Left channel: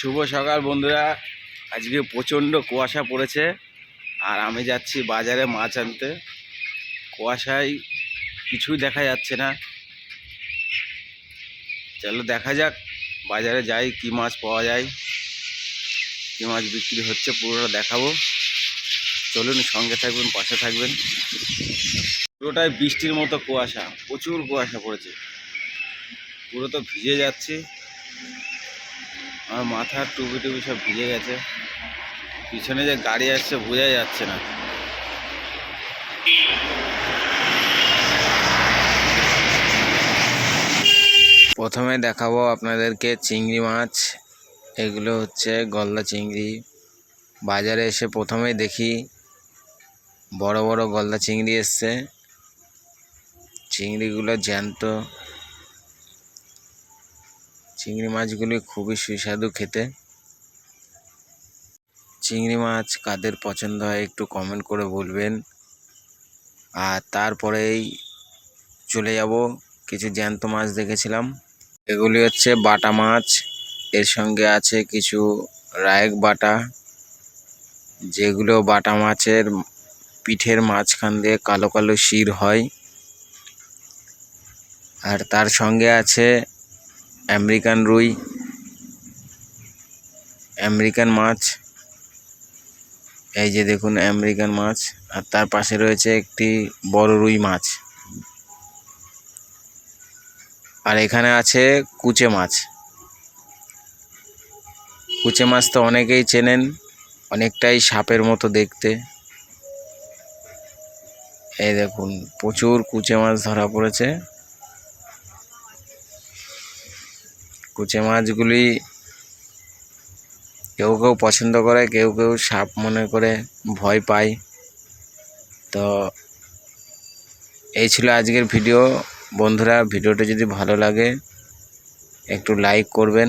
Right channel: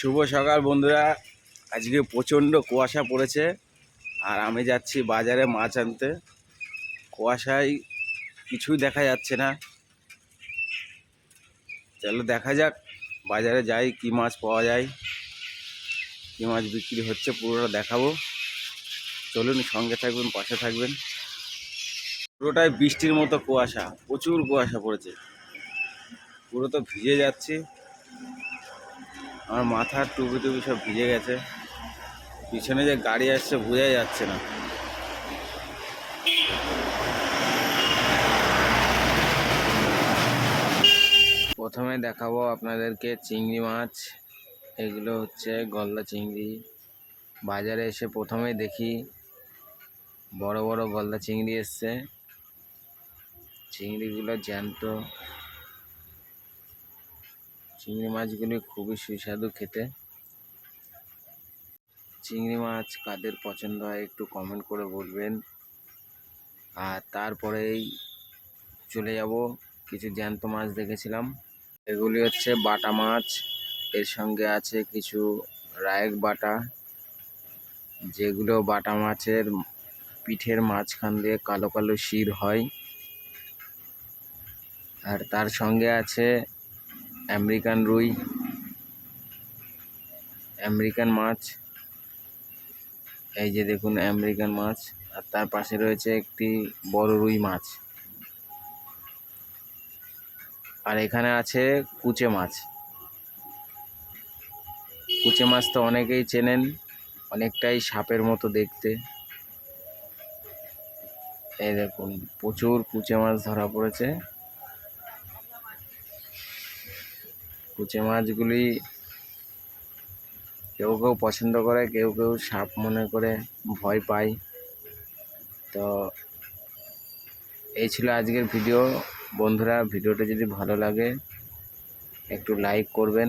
শুভ সকাল বন্ধুরা। আজকে প্রচণ্ড কুয়াশা পড়েছে। আর আমি যাচ্ছি বাজারে মাছ আনতে। কুয়াশায় কিছুই দেখা যাচ্ছে না। চলো দেখা যাক, বাজারে যাই, কি মাছ পাওয়া যায়। কি মাছ বিক্রি হচ্ছে পুরোটা দেখাবো। চলুন সঙ্গে থাকবেন, পাশে থাকবেন। পুরোটাই বৃষ্টির মতো কুয়াশা, প্রচুর কুয়াশা পড়েছে। পুরো তো ভিজে যাচ্ছে। আমার মাথার টুপি টুপি সব ভিজে গেছে। পিছনে যে গাড়ি আসছে, বোঝা যাচ্ছে না। প্রথমে দেখাবো আপনাদেরকে চিংড়ি মাছ। এগুলো হচ্ছে গলদা চিংড়ি। বাজারে এসে প্রথমেই দেখি বড় বড় গলদা চিংড়ি এসছে। চিংড়িগুলো জ্যান্ত। চিংড়ি মাছগুলি খুবই সুস্বাদু খেতে। চিংড়ি মাছ কাদের পছন্দ হয় একটু কমেন্ট করে বলবেন। আর তারপরেই চলে যাব কিছু জ্যান্ত মাছ দেখেছিলাম। এগুলি হচ্ছে বাটা মাছ, এর সঙ্গে আছে কিছু রায়েক বাটা, যেগুলো বাটা মাছের পিঠের মাঝখান দিয়ে কালো কালো শির হয়। আর তার সঙ্গে আছে আমেরিকান রুই, আমেরিকান মাছ, এই যে দেখুন আমেরিকান মাছ, আর তার পাশে রয়েছে একটি বড় রুই মাছ। আর এখানে আছে কুচে মাছ। কুচে মাছ তো অনেকেই চেনেন, অনেকটাই সাপের মতো দেখতে। এই দেখুন, প্রচুর কুচে মাছ ধরা পড়েছে। কুচে মাছগুলি কেউ কেউ পছন্দ করে, কেউ কেউ সাপ মনে করে ভয় পায়। তো এই ছিল আজকের ভিডিও। বন্ধুরা, ভিডিওটা যদি ভালো লাগে, একটু লাইক করবেন।